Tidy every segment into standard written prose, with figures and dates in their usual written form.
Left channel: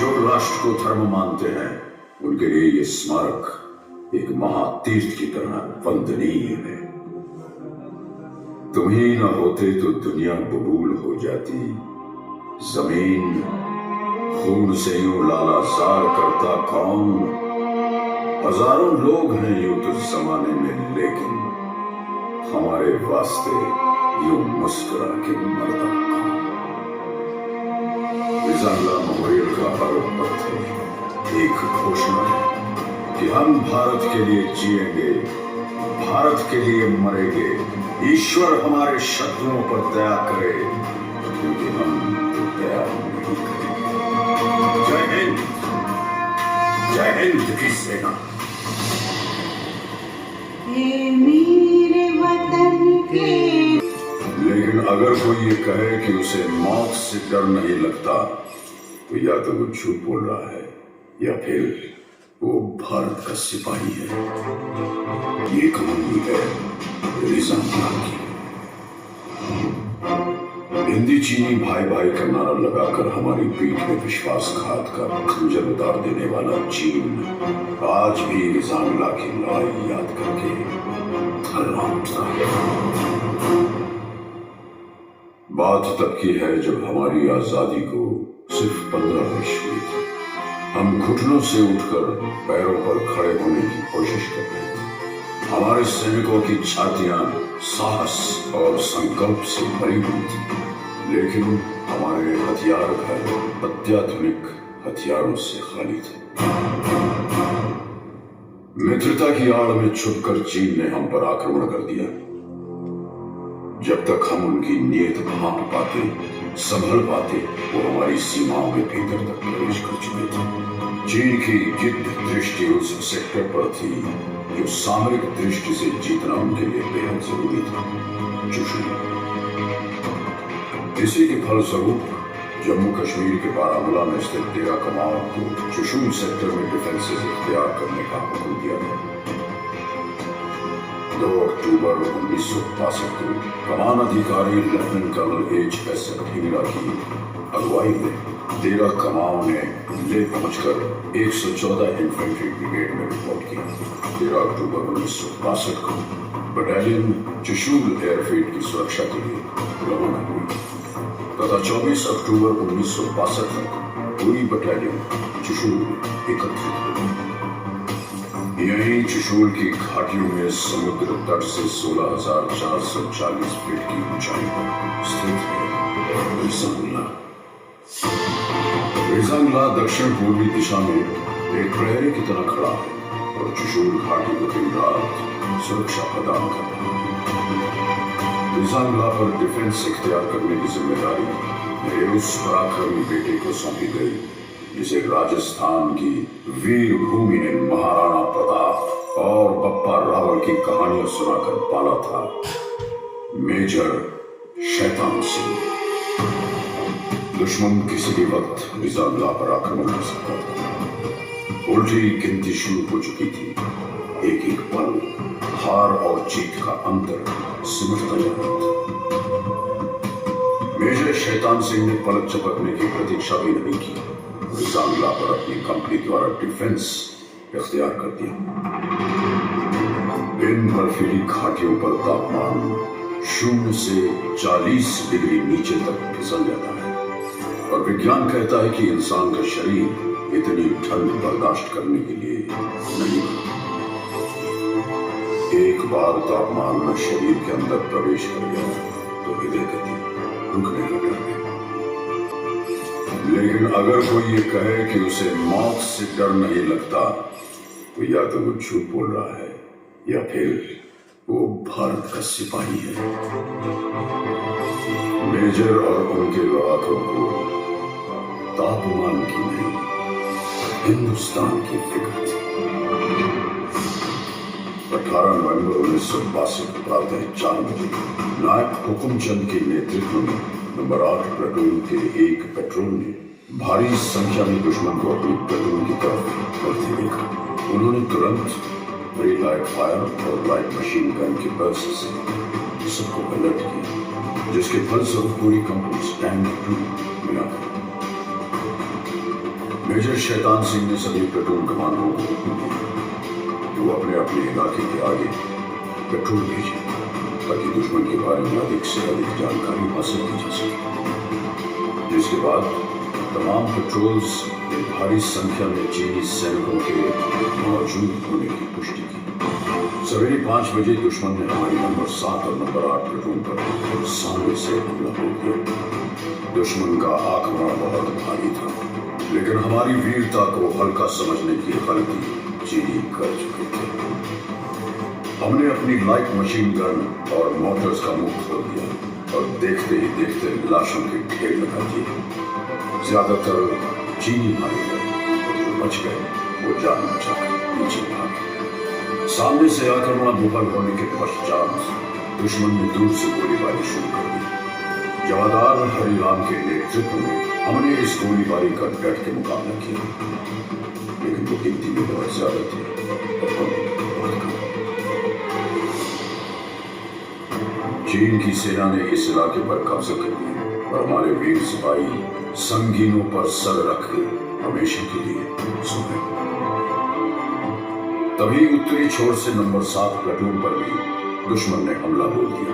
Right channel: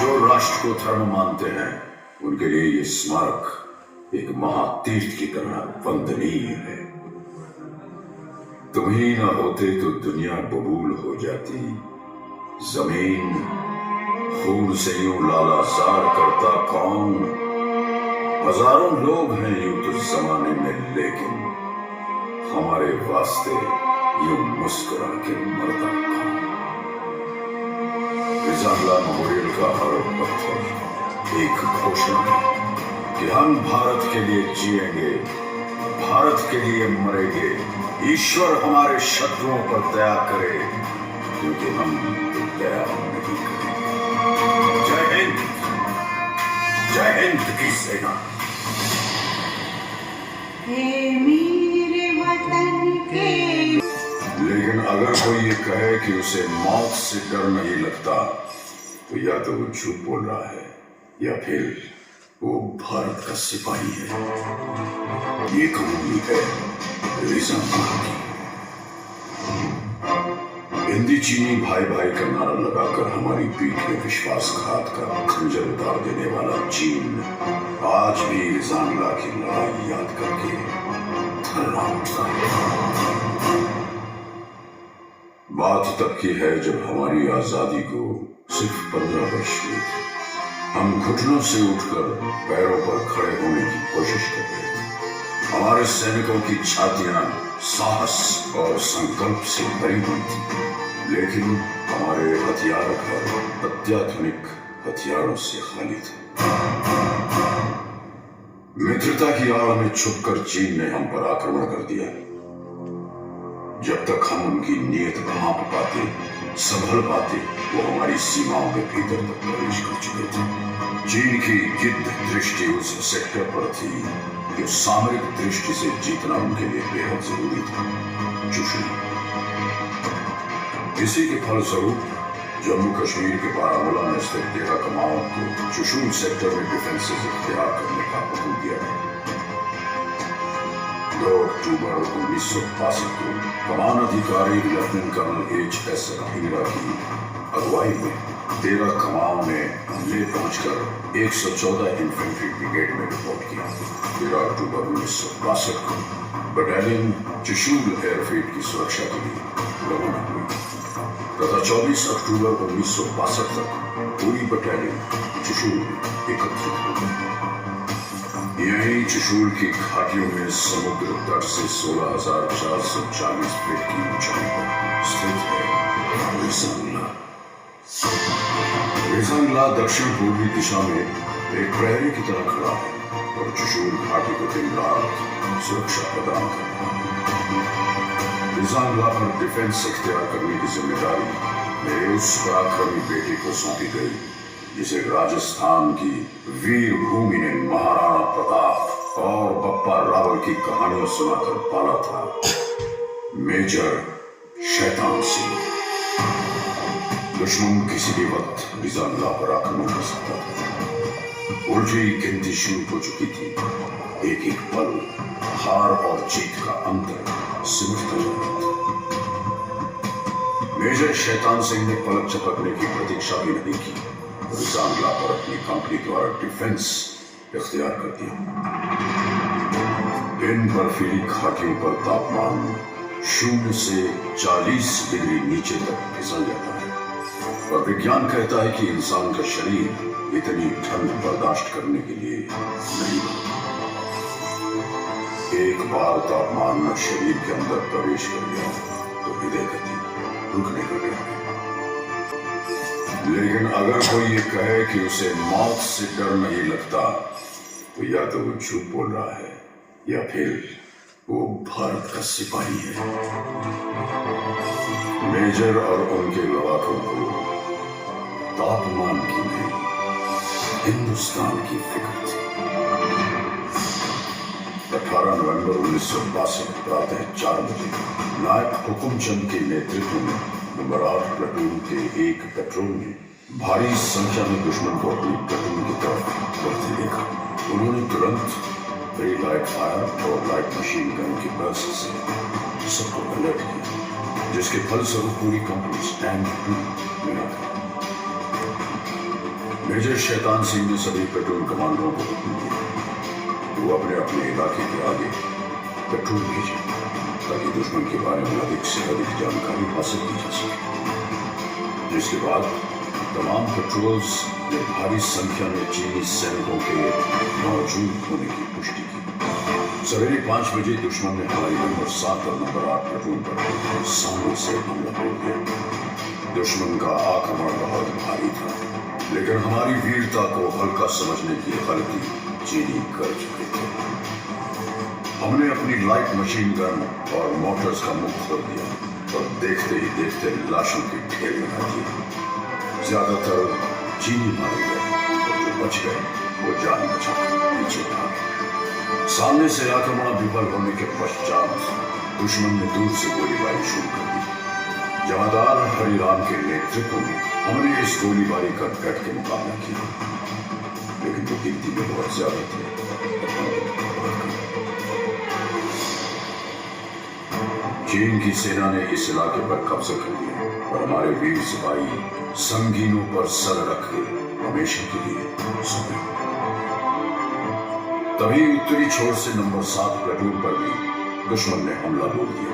जो राष्ट्र को धर्म मानते हैं उनके लिए ये स्मारक एक महातीर्थ की तरह वंदनीय है। तुम ही न होते तो दुनिया बबूल हो जाती। जमीन खून से यूं लालाजार करता कौन। हजारों लोग हैं यूं तो जमाने में, लेकिन हमारे वास्ते यूं मुस्कुरा के मरता कौन। रिज़ा मेमोरियल का हर पत्थर एक घोषणा है कि हम भारत के लिए जिएंगे, भारत के लिए मरेंगे। ईश्वर हमारे शत्रुओं पर दया करे, क्योंकि हम दया नहीं करेंगे। जय हिंद की सेना। लेकिन अगर कोई ये कहे कि उसे मौत से डर नहीं लगता, तो या तो वो झूठ बोल रहा है या फिर वो भारत का सिपाही है। ये कहानी है रिज़ा की। हिंदी चीनी भाई भाई का नारा लगाकर हमारी पीठ में विश्वासघात का खंजर उतार देने वाला चीन आज भी रिज़ा की लड़ाई याद करके थर्राता है। बात तब की है जब हमारी आजादी को सिर्फ 15 वर्ष हुए थे। हम घुटनों से उठकर पैरों पर खड़े होने की कोशिश कर रहे थे। हमारे सैनिकों की छातियां साहस और संकल्प से भरी हुई थी, लेकिन हमारे हथियार घर अत्याधुनिक हथियारों से खाली थे। मित्रता की आड़ में छुपकर चीन ने हम पर आक्रमण कर दिया। जब तक हम उनकी नीयत भांप पाते, संभल पाते, वो हमारी सीमाओं के भीतर तक प्रवेश कर चुके थे। चीन की गिद्ध दृष्टि उस सेक्टर पर थी जो सामरिक दृष्टि से जीतना उनके लिए बेहद जरूरी था, चुशुल। इसी के फलस्वरूप जम्मू कश्मीर के बारामूला में स्थित डेरा कमाओ को चुशुल सेक्टर में डिफेंसेस इख्तियार करने का हुक्म दिया गया। 2 अक्टूबर 1962 को कमान अधिकारी लेफ्टिनेंट कर्नल H.S. ढींगरा की अगुवाई में डेरा कमाओ ने ले पहुंचकर 114 इन्फेंट्री ब्रिगेड में रिपोर्ट की। 13 अक्टूबर 1962 को बटालियन चुशुल एयरफील्ड की सुरक्षा के लिए रवाना हुई तथा 24 अक्टूबर 1962 तक पूरी बटालियन चुशुल में एकत्रित हुई। यही चुशुल की घाटियों में समुद्र तट से 16,440 फीट की ऊंचाई पर स्थित है रिज़ा दक्षिण पूर्वी दिशा में एक प्रहरी की तरह खड़ा है और चुशुल घाटी को दिन रात सुरक्षा प्रदान कर रहा है। रिज़ा पर डिफेंस इख्तियार करने की जिम्मेदारी मेरे उस पराक्रमी बेटे को सौंपी गई जिसे राजस्थान की वीर भूमि ने महाराणा प्रताप और बप्पा रावल की कहानियां सुनाकर पाला था, मेजर शैतान सिंह। दुश्मन किसी भी वक्त रिज़ा पर आक्रमण कर सकता था। उल्टी गिनती शुरू हो चुकी थी। एक एक पल हार और जीत का अंतर सिमटता जा रहा था। मेजर शैतान सिंह ने पलक झपकने की प्रतीक्षा भी नहीं की। रिज़ा पर अपनी कंपनी द्वारा डिफेंस इख्तियार कर दिया। इन बर्फीली घाटियों पर तापमान 0 से 40 डिग्री नीचे तक फिसल जाता है और विज्ञान कहता है कि इंसान का शरीर इतनी ठंड बर्दाश्त करने के लिए नहीं बना। एक बार तापमान शरीर के अंदर प्रवेश कर गया तो हृदय गति रुकने लगा। लेकिन अगर कोई ये कहे कि उसे मौत से डर नहीं लगता, तो या तो वो झूठ बोल रहा है या फिर वो भारत का सिपाही है। मेजर और उनके लड़ाकों को तापमान की नहीं, हिंदुस्तान की फिक्र थी। 18 नवंबर 1962 प्रातः 4 बजे नायक हुकुमचंद के नेतृत्व में नंबर 8 प्लाटून के एक पेट्रोल में भारी संख्या में दुश्मन को अपनी प्लाटून की तरफ बढ़ते देखा। उन्होंने तुरंत प्री लाइट फायर और लाइट मशीन गन के बर्स्ट से सबको अलर्ट किया, जिसके फलस्वरूप पूरी कंपनी स्टैंड टू में आ गई। मेजर शैतान सिंह ने सभी प्लेटून कमांडरों को हुक्म दिया कि वो अपने अपने इलाके के आगे पेट्रोल भेजें ताकि दुश्मन के बारे में अधिक से अधिक जानकारी हासिल की जा सके। जिसके बाद तमाम पेट्रोल्स ने भारी संख्या में चीनी सैनिकों के मौजूद होने की पुष्टि की। सवेरे 5 बजे दुश्मन ने हमारी नंबर 7 और नंबर 8 प्लेटून पर सामने से हमला कर दिया। दुश्मन का आक्रमण बहुत भारी था, लेकिन हमारी वीरता को हल्का समझने की गलती चीनी कर चुके थे। हमने अपनी लाइट मशीन गन और मोटर्स का मुख खोल दिया और देखते ही देखते लाशों के ढेर लगा दिए। ज्यादातर चीनी मारे गए और जो बच गए वो जान बचाकर पीछे भागे। सामने से आक्रमण विफल होने के पश्चात दुश्मन ने दूर से गोलीबारी शुरू कर दी। जवादार हरिराम के नेतृत्व में हमने इस गोलीबारी का डट के मुकाबला किया, लेकिन वो गिनती में बहुत ज्यादा थे। चीन की सेना ने इस इलाके पर कब्जा कर लिया और हमारे वीर सिपाही संगीनों पर सर रख के हमेशा के लिए सो गए। तभी उत्तरी छोर से नंबर 7 प्लेटून पर भी दुश्मन ने हमला बोल दिया।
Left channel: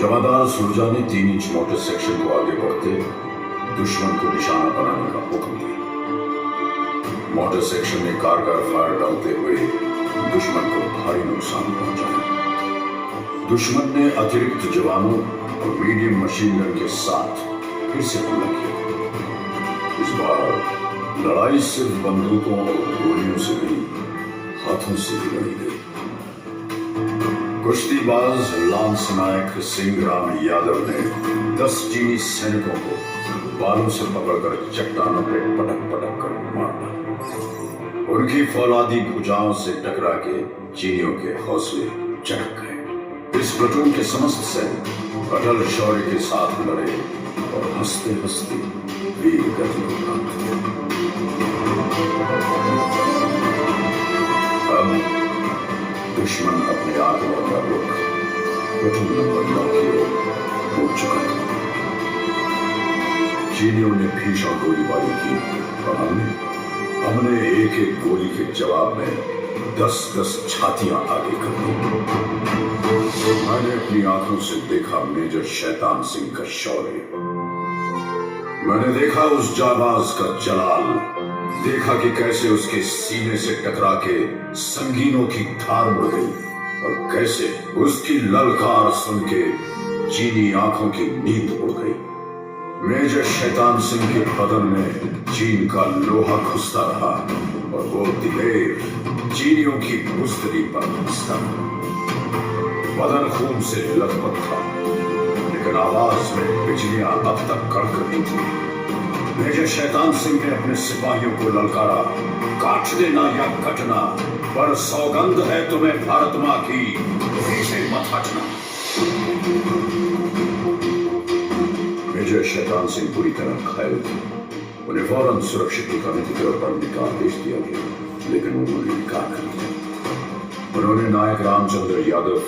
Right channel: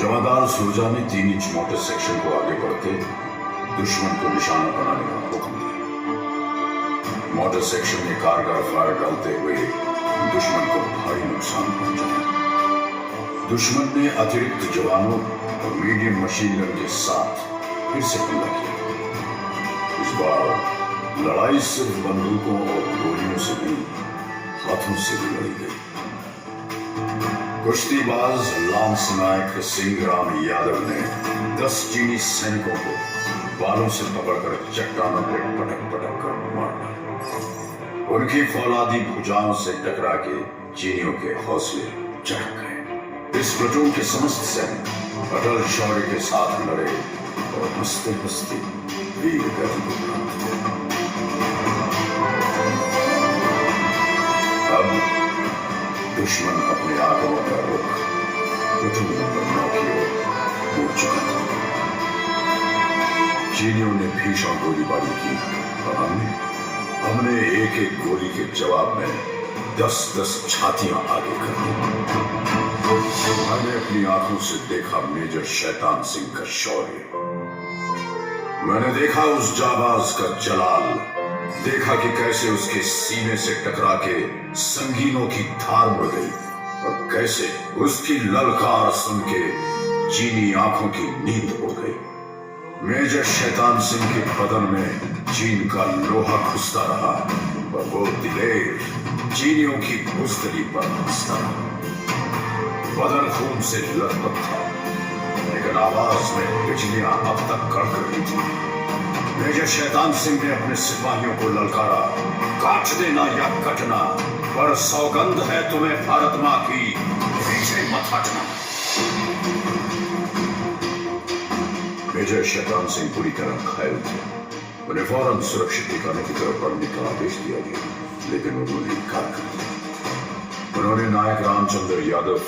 जवादार सुरजा ने 3 इंच मोटर सेक्शन को आगे बढ़ते दुश्मन को निशाना बनाने का हुक्म दिया। मोटर सेक्शन ने कारगर फायर डालते हुए दुश्मन को भारी नुकसान पहुंचाया। दुश्मन ने अतिरिक्त जवानों और मीडियम मशीन गन के साथ फिर से हमला किया। इस बार लड़ाई सिर्फ बंदूकों और गोलियों से नहीं, हाथों से भी लड़ी गई। कुश्तीबाज लांस नायक सिंहराम यादव ने 10 चीनी सैनिकों को बालों से पकड़कर चट्टानों पर पटक पटक कर मार डाला। उनकी फौलादी भुजाओं से टकरा के चीनियों के हौसले चढ़क गए। इस प्लेटून के समस्त सैनिक अटल शौर्य के साथ लड़े और हंसते हंसते वीर गति को प्राप्त हुए। अब दुश्मन अपने आक्रमण का रुख प्लेटून नंबर 9 की ओर मुड़ चुका था। चीनियों ने भीषण गोलीबारी की और हमने एक एक गोली के जवाब में 10-10 छातियां आगे कर दी। मैंने अपनी आंखों से देखा मेजर शैतान सिंह का शौर्य। मैंने देखा उस जाबाज का जलाल, देखा कि कैसे उसके सीने से टकरा के संगीनों की धार मुड़ गई और कैसे उसकी ललकार सुन के चीनी आंखों की नींद उड़ गई। मेजर शैतान सिंह के बदन में चीन का लोहा घुसता रहा और वो दिलेर चीनियों की बुज़दिली पर हंसता रहा। बदन खून से लथपथ था, लेकिन आवाज में बिजलियां अब तक कड़क रही थी। मेजर शैतान सिंह ने अपने सिपाहियों को ललकारा, काट देना या कटना, पर सौगंध है तुम्हें भारत मां की, पीछे मत हटना। मेजर शैतान सिंह पूरी तरह घायल थे। उन्हें फौरन सुरक्षित ठिकाने की तरफ बढ़ने का आदेश दिया गया, लेकिन उन्होंने इनकार कर दिया। उन्होंने नायक रामचंद्र यादव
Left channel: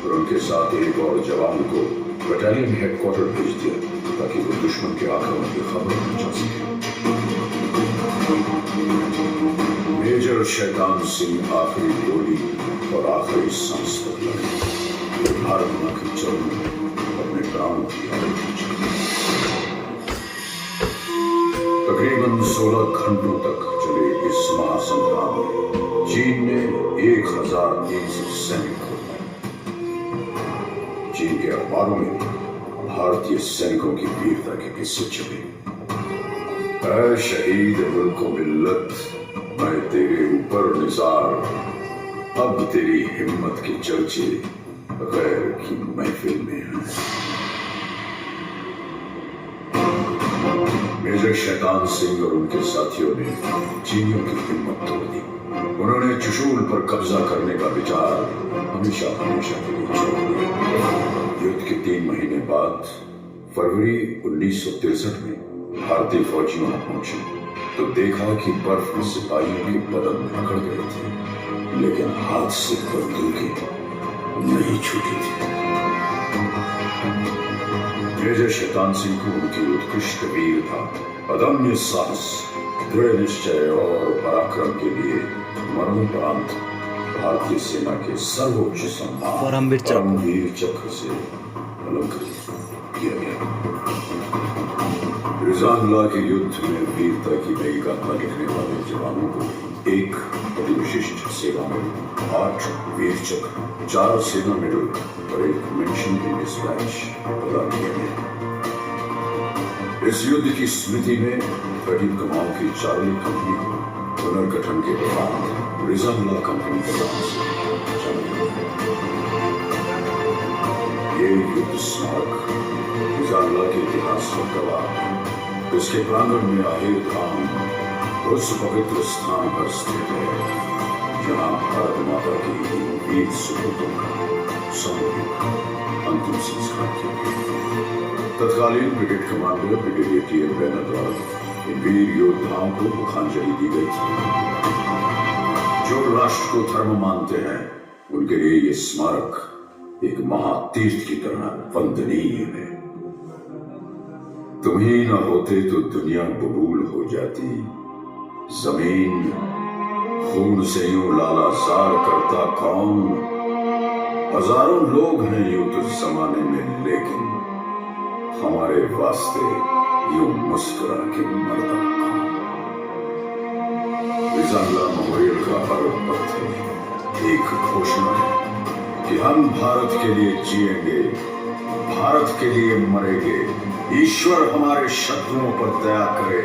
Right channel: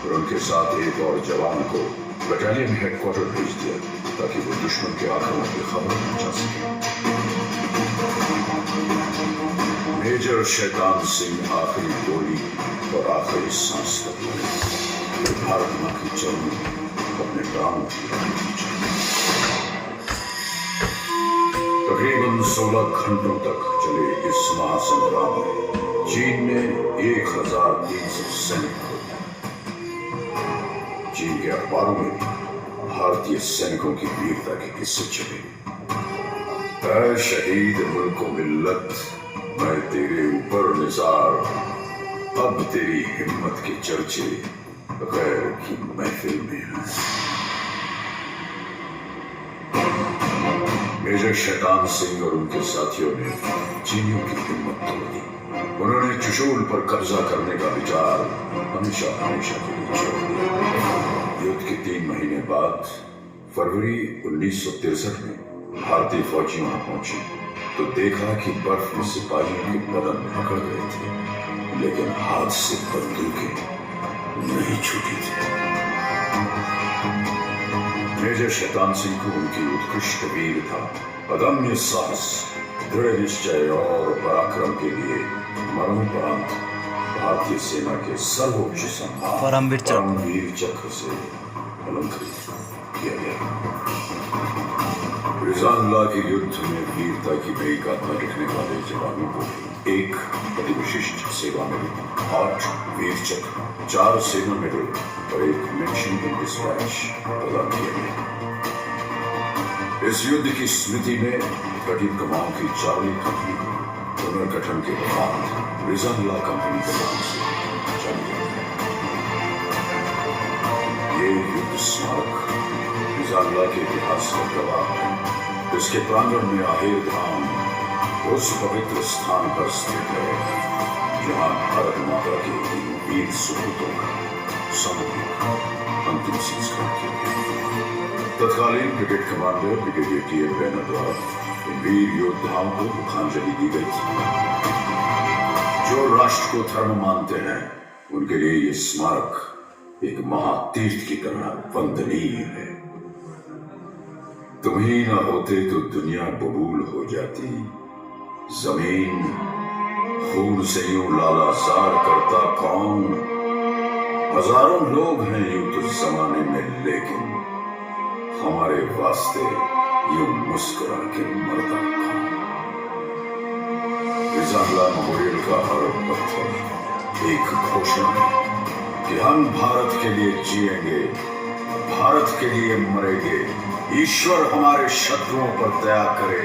और उनके साथ एक और जवान को बटालियन हेडक्वार्टर भेज दिया ताकि वो दुश्मन के आक्रमण की खबर पहुंचा सके। मेजर शैतान सिंह आखिरी गोली और आखिरी सांस तक लड़े। भारत मां की चरण अपने प्राणों की आहुति दी। तकरीबन 16 घंटों तक चले इस महासंग्राम में चीन ने 1300 सैनिक खो दिए। चीन के अखबारों में भारतीय सैनिकों की वीरता के किस्से छपे। ऐ शहीद मुल्क मिल्लत, मैं तेरे ऊपर निसार, अब तेरी हिम्मत के चर्चे गैर की महफिल में हैं। मेजर शैतान सिंह और उनके साथियों ने चीनियों की हिम्मत तोड़ दी। उन्होंने चुशूल पर कब्जा करने का विचार हमेशा हमेशा के लिए छोड़ दिया। युद्ध के 3 महीने बाद फरवरी 1963 में भारतीय फौजी वहां पहुंची तो देखा कि बर्फ में सिपाहियों के बदन पकड़ गए थे, लेकिन हाथ से बंदूकें नहीं छूटी थी। मेजर शैतान सिंह को उनकी उत्कृष्ट वीरता, अदम्य साहस, दृढ़ निश्चय और पराक्रम के लिए मरणोपरांत भारतीय सेना के सर्वोच्च सम्मान परमवीर चक्र परमवीर चक्र से अलंकृत किया गया। रिजाल्ला के युद्ध में वीरता की नई गाथा लिखने वाले जवानों को एक अति विशिष्ट सेवा मिली, 8 वीर चक्र, 4 सेना मेडल और एक मेंशन इन डिस्पैच प्रदान किया गया। इस युद्ध की स्मृति में 13 कमाओं की चार्ली कंपनी को पुनर्गठन के बाद रिजाल्ला कंपनी के नाम से जाना जाता है। ये युद्ध स्मारक रिजाल्ला के इतिहास का गवाह है। इसके प्रांगण में आहेर धाम उस पवित्र स्थान पर स्थित है जहां भारत माता के इन वीर सुपूतों का सामूहिक अंतिम संस्कार किया गया। तत्कालीन ब्रिगेड कमांडर ब्रिगेडियर टी.एल. रैना द्वारा इन वीर योद्धाओं को मुखांजलि दी गई थी। जो राष्ट्र को धर्म मानते हैं उनके लिए यह स्मारक एक महातीर्थ की तरह वंदनीय है। तुम ही ना होते तो दुनिया बबूल हो जाती, जमीन खून से यूं लालाजार करता कौन। हजारों लोग हैं यूं तो जमाने में, लेकिन हमारे वास्ते यूं मुस्कुरा के मरता कौन। रिजाल्ला मेमोरियल का हर पत्थर एक घोषणा है कि हम भारत के लिए जिएंगे, भारत के लिए मरेंगे। ईश्वर हमारे शत्रुओं पर दया करे,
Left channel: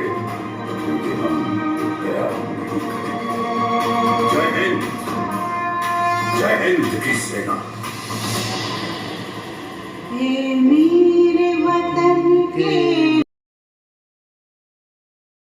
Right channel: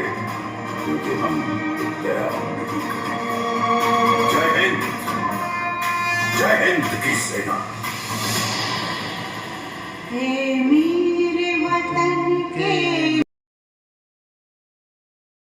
क्योंकि हम दया नहीं करेंगे। जय हिंद की सेना।